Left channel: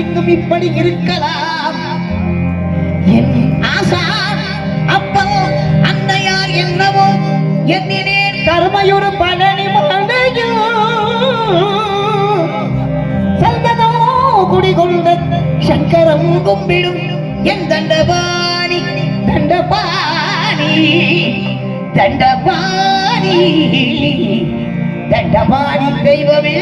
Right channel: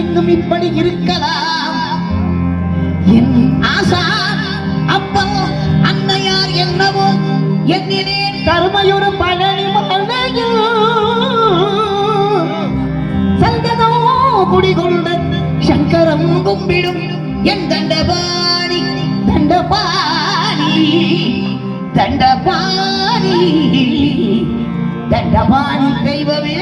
எண்ணம் இப்படி இருக்கலாம். என் ஆசா அப்போ அன்னையார் என்னவோ என்னிலே கருமையொரு பழனி மலையோ சந்தனோ குடிகொண்ட சங்கரம் கும்பிடும் என் தண்டபாணி. தண்டபாணி தண்டபாணி. தண்டபாணி தெய்வமே.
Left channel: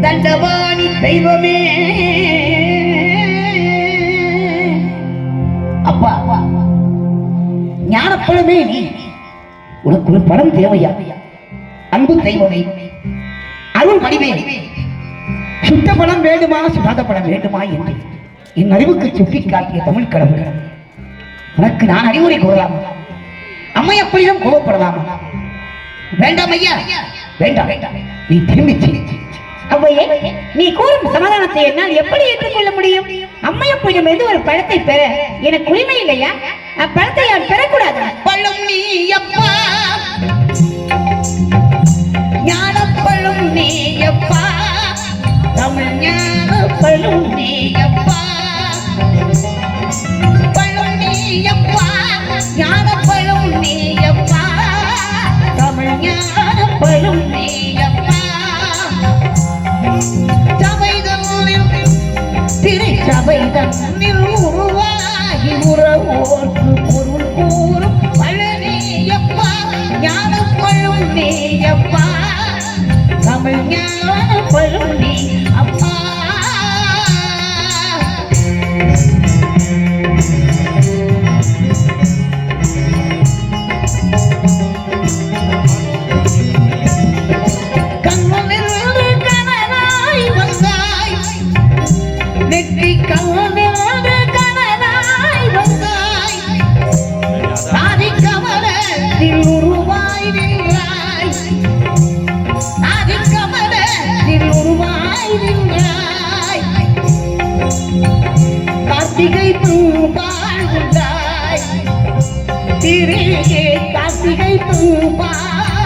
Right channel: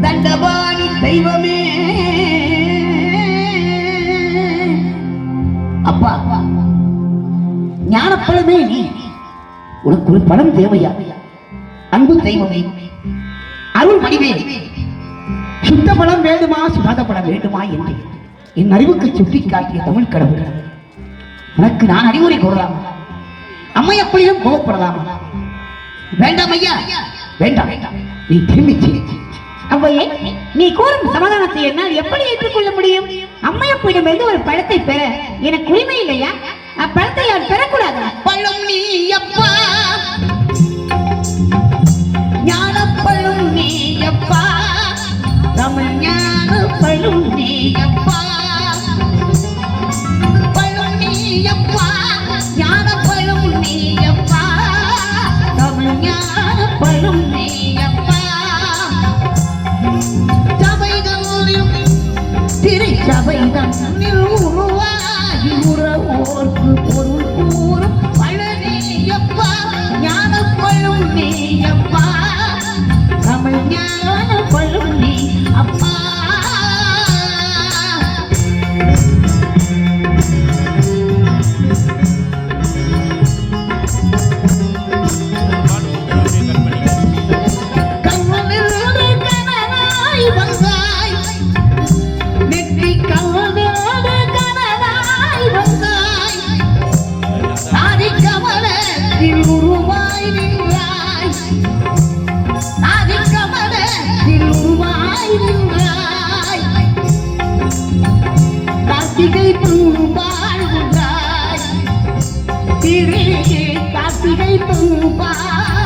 தண்டபாணி தெய்வமே. அப்பா ஞானப்பழமே நீ. உனக்கு ஒரு படம் தேவையா? அன்பு தெய்வமே. அருள் மடிவே சுத்த பணம் வேண்டுமா சுகாத படம் வேண்டுமா என்று என் அறிவுக்கு சுட்டி காட்டிய தமிழ் கடவுள். உனக்கு நான் அறிவுரை கூறலாம். அம்மையப்பளிடம் அப்படியும் வேண்டாம் ஐயா. வேண்டாம். வேண்டாம் நீ திரும்பி. அவ்வையே நீ கூறும் சமாதானத்தை என்னால் எப்படி ஏற்றுக்கொள்ள முடியும்? அம்மையப்பிடமிருந்து ஒரு பழத்தை பெற எனக்கு உரிமை இல்லையா? அப்பழத்தை யார் பெறக்கூடாது? பழம் நீ அப்பா. ஞானப்பழம் நீ அப்பா. தமிழ் ஞானப்பழம் நீ அப்பா. தன்னில் உருவாகி உறவோர்க்கு பொருள் கூறும் ให้ปูปลา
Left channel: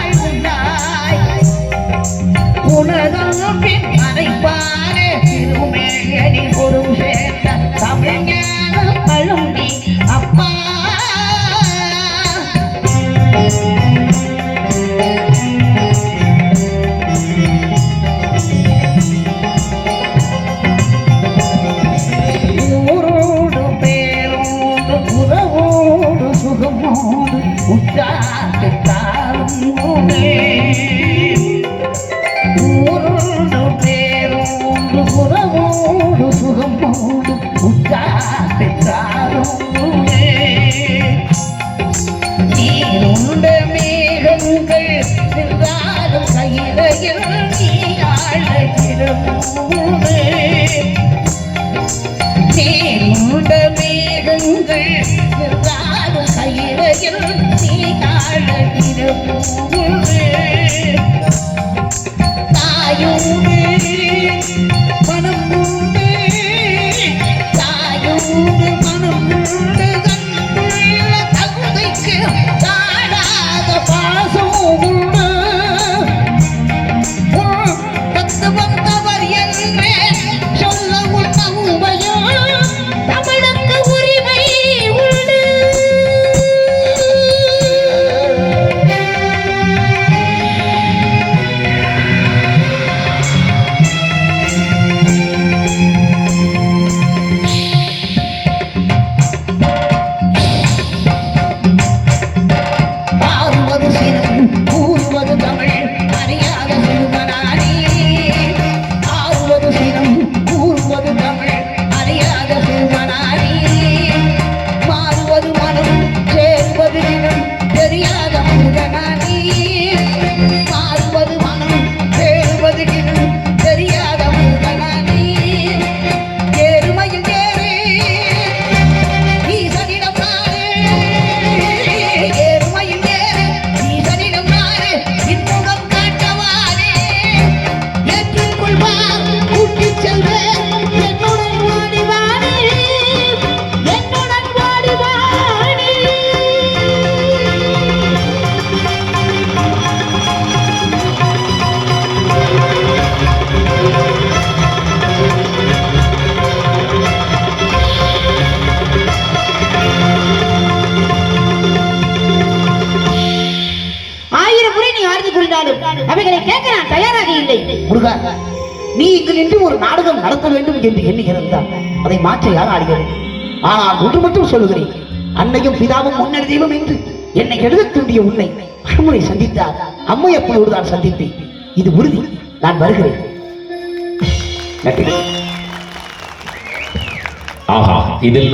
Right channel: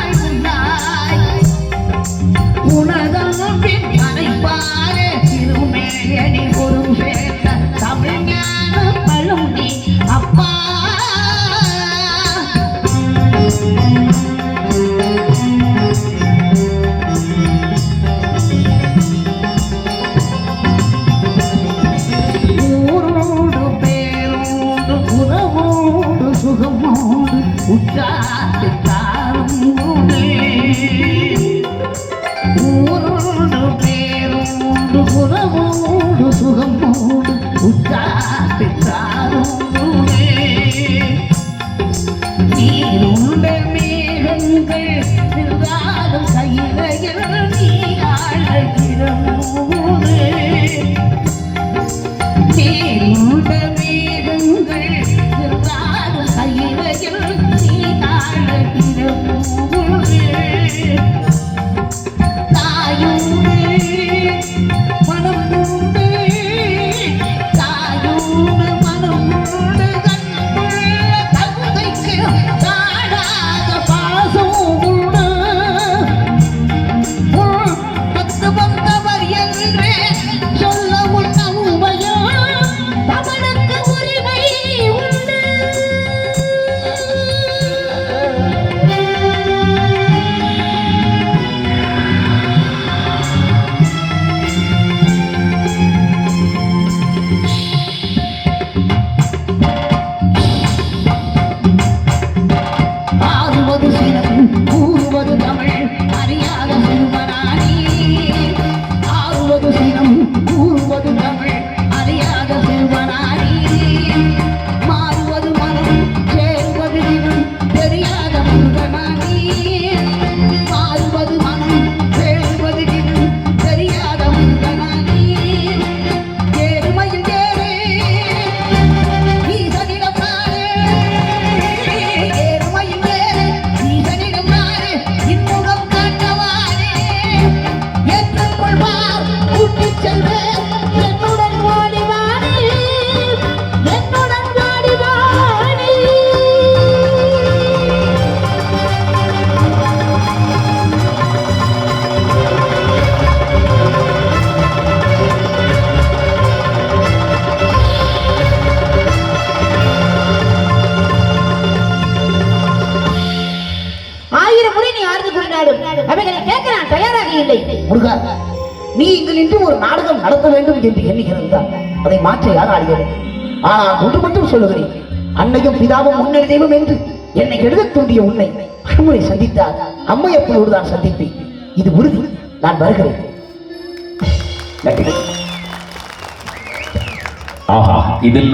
ஊரோடு பேரோடு உறவோடு சுகமோடு உற்றாட்டு தாருமே நீருண்ட மேகங்கள் நின்றாலும் கையிலையில் நீ ஆழகிறோமே Thank you. கேட்க நான் தயாராக இல்லை முருகா நீ இதில் இன்று ஒரு நாடகம் நடத்த வேண்டும் என்று எண்ணுகிறார் அதை மாற்ற யார் ஆடுகிறது ஆனால் ஒன்று மட்டும் சொல்லுகிறேன். அன்னையும் பிதாவும் முன்னர் தெய்வம் என்று என்னை எழுத தூண்டிய உண்மை மறுமுறை சந்தித்தார் அம்மை அப்பளோடு தான் சந்திப்பேன். இது உறுதி. நான் வருகிறேன். இதில்